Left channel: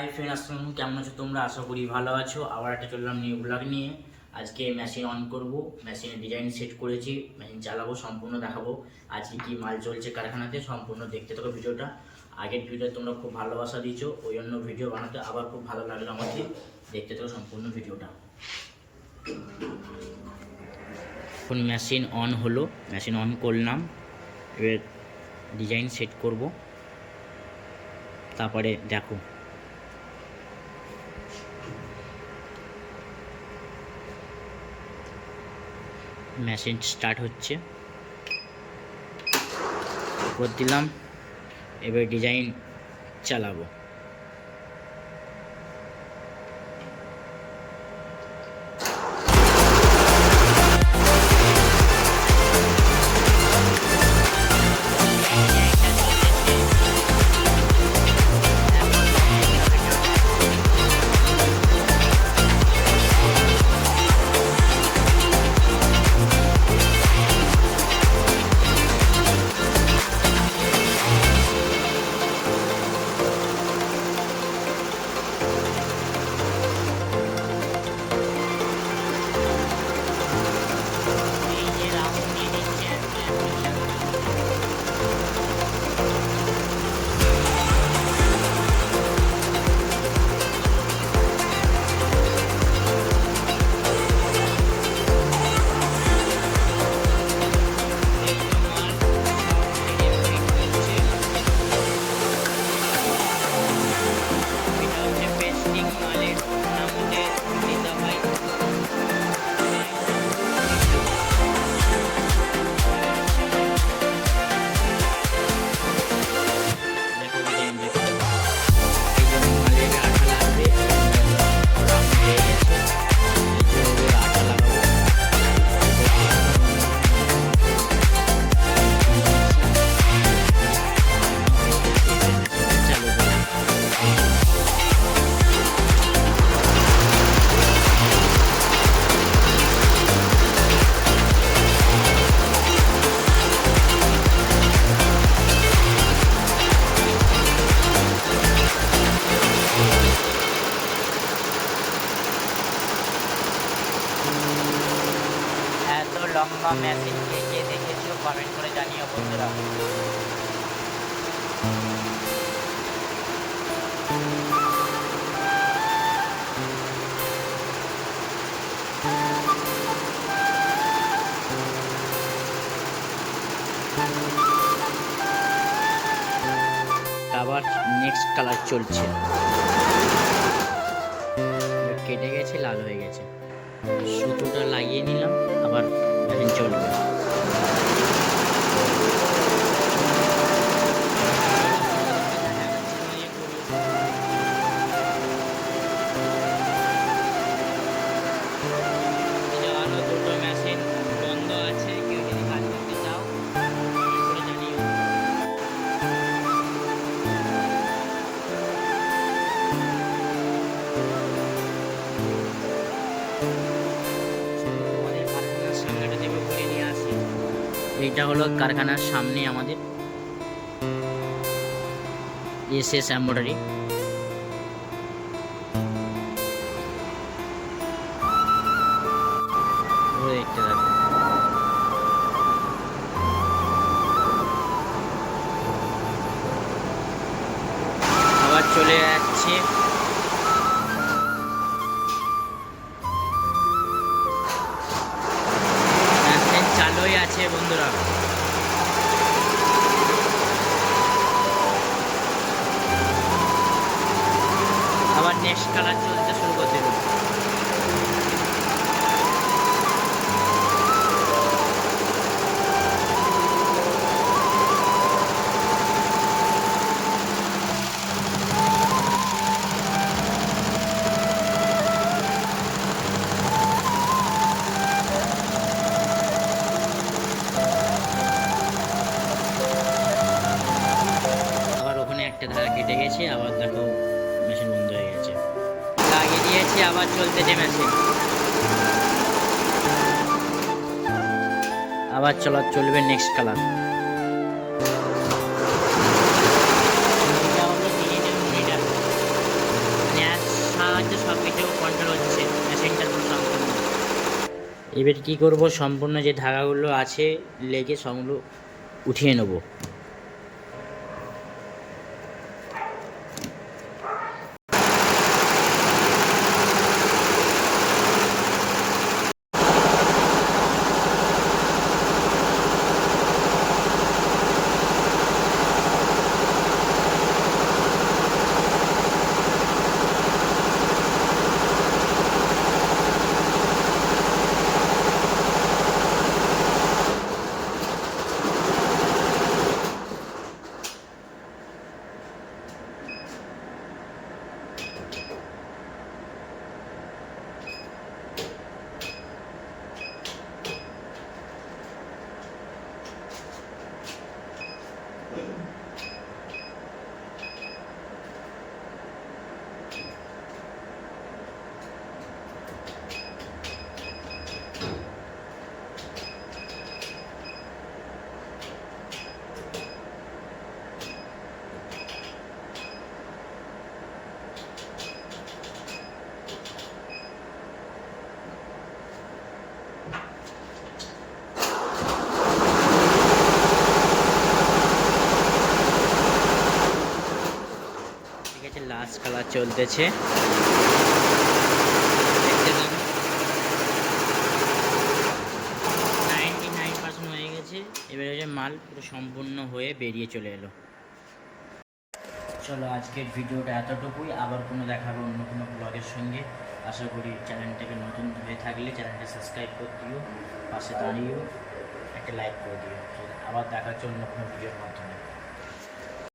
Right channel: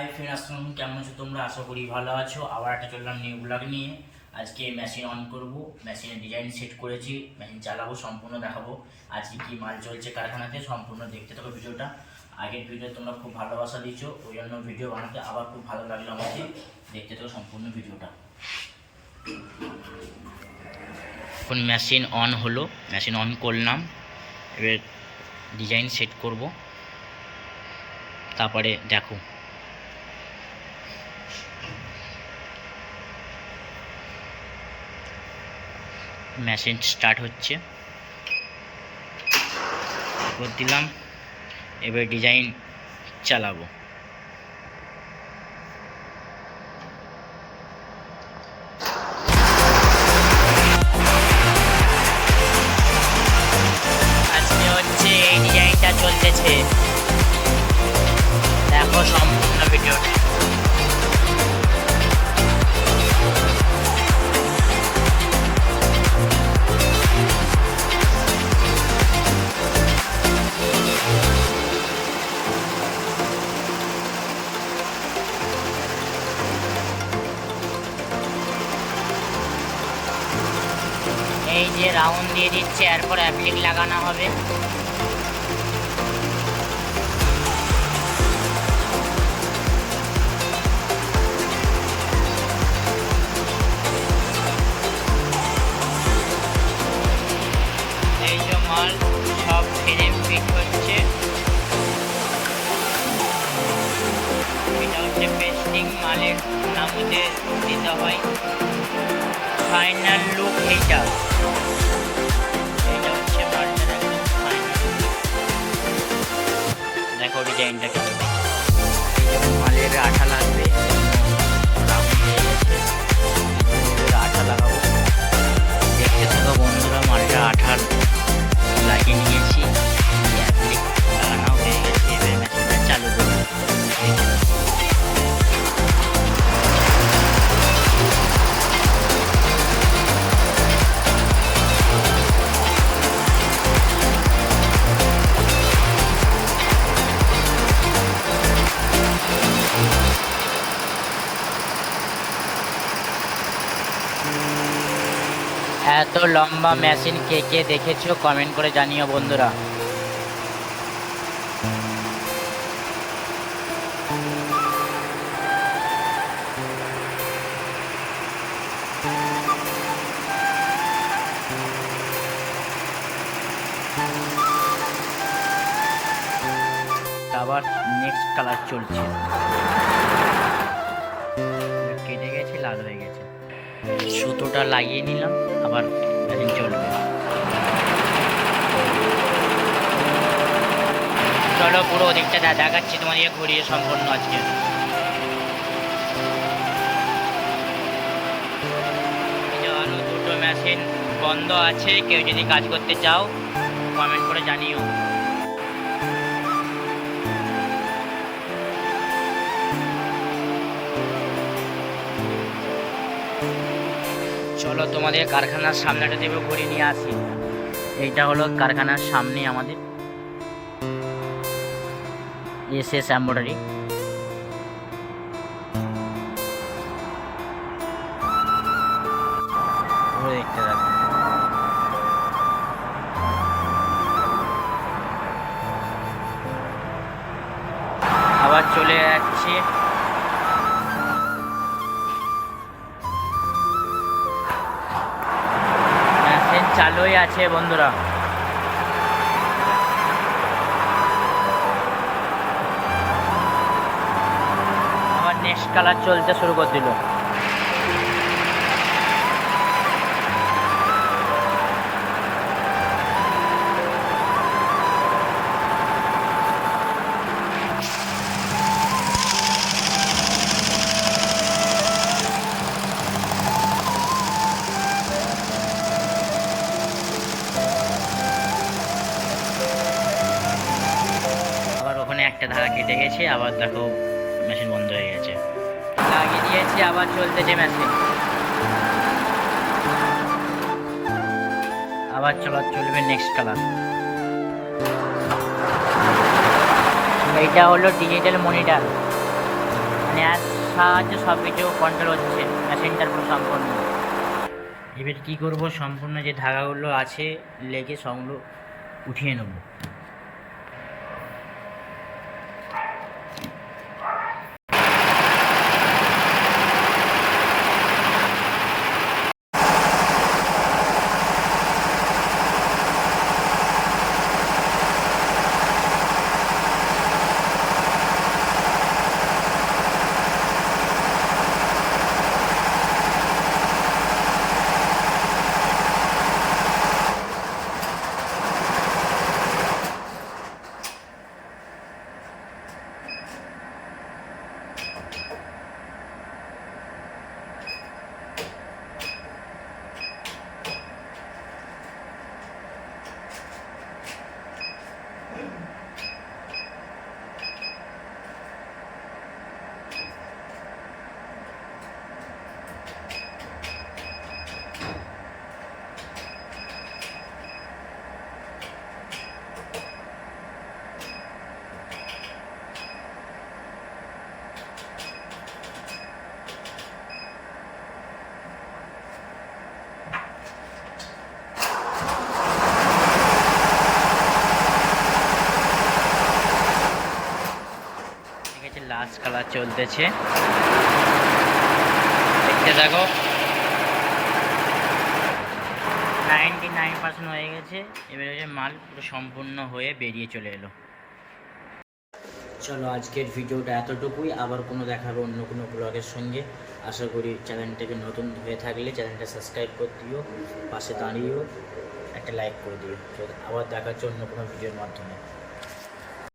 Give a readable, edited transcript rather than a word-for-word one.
Hi friend, আসসালাম, কেমন আছো তোমরা? আশা করি ভালো আছো। আবার একটা চললাম নিউ ব্লগ নিয়ে। আজকে মেশিন অন করব, মেশিনের ডিজাইন সেট করেছি, মেশিন চালাবো, সম্পূর্ণ দেখাবো আজকে কি মাল চলছে কারখানাতে। সম্পূর্ণ দেখতে থাকো ভিডিওটা। আগের ভিডিও তোমরা খুব ভালোবাসা দিয়েছো, ওই জন্য ভিডিও বানাতে আবার খুব ভালো লাগলো আমাকে। দেখতে থাকো সম্পূর্ণ ভিডিওটা। এখন মেশিন অন হলো, মেশিন অন করলাম, এবার ডিজাইন সেট করব, তারপরে দেখো। মেশিন স্টার্ট হচ্ছে, করে দিলাম, এবার ডিজাইন চালাবো। আজকে হচ্ছে এই ডিজাইনটা চলতেছে, দেখো সম্পূর্ণ ভিডিও। এই যে রাউন্ড দিয়ে দিচ্ছে, এরপর অ্যাপ্লিক লাগানো হবে। এই যে মাল সব ফ্রেম ফিট হচ্ছে, এটা হচ্ছে পেস্টিং, মালের নামতে দিতে হয়। ফাইনাল লুক এইটা, এটা হচ্ছে মালটা, দেখো ডিজাইনটা কি। এই জন্য মালের আঠা লাগবে, রাউন্ড হয়ে গেছে, আঠা লাগাবো। দেখতে থাকো বন্ধুরা, মালটা আঠা লাগিয়ে নিয়েছি, লাগানো হয়ে গেছে, এবার মেশিনটা চালু করবো। এত লম্বা মেশিন কে কে দেখেছো কমেন্ট করে জানিও বন্ধুরা। আবার নেক্সট কালার চলছে, কেটে গেছে, লাল হয়ে গেছে, সুতোটা লাগিয়ে নিলাম, আবার মেশিন চলবে। চলো পুরো ওদিকটা দেখাচ্ছি তোমাদের ঘুরিয়ে সম্পূর্ণ আজকে। আরো দুটো মেশিন বন্ধ আছে, কেউ যদি কাজ করতে চাও কমেন্ট করে জানিও। চলো তোমাদের কারখানার সামনেটা দেবে ঘুরে নিয়ে আসি। এইটা হলো কারখানার সামনে আমাদের এসএস এমব্রয়ডারি। আবার চলে যাচ্ছি, চালুই আছে বন্ধুরা। আবার নেক্সট কালার চলতে শুরু করে দিল। একটা ধারা কেটে গেছে, আবার দেখো মেশিন বন্ধ হয়ে গেছে, লাগিয়ে দিয়েছি, আবার চলতেছে মেশিন, আবার চলবে নেক্সট কালার। এইটা হলো ডিজিটাল মনিটর, সাহায্যে সব কিছু কন্ট্রোল হচ্ছে মেশিনটার পুরো সম্পূর্ণ। এবার কী করব, সম্পূর্ণ যে ধাগাগুলো আছে লেগে সবগুলো উঠিয়ে নেব। লাস্ট কালার চলতেছে, দেখতে থাকো। 99% হয়ে গেছে। এবার হচ্ছে মাল পুরো সম্পূর্ণ হয়ে বেরিয়ে চলে এলো। চলো আজকের ভিডিওটা এতটুকুই, আবার কোনো দেখাবে অন্য কোনো ব্লগের সঙ্গে। আশা করি চ্যানেলটাকে নতুন হয়ে থাকলে চ্যানেলটা সাবস্ক্রাইব করে দিও, পাশে দাঁড়িয়েও একটা লাইক করে দিও। আবার দেখা হচ্ছে অন্য কোনো ভিডিওর মাধ্যমে।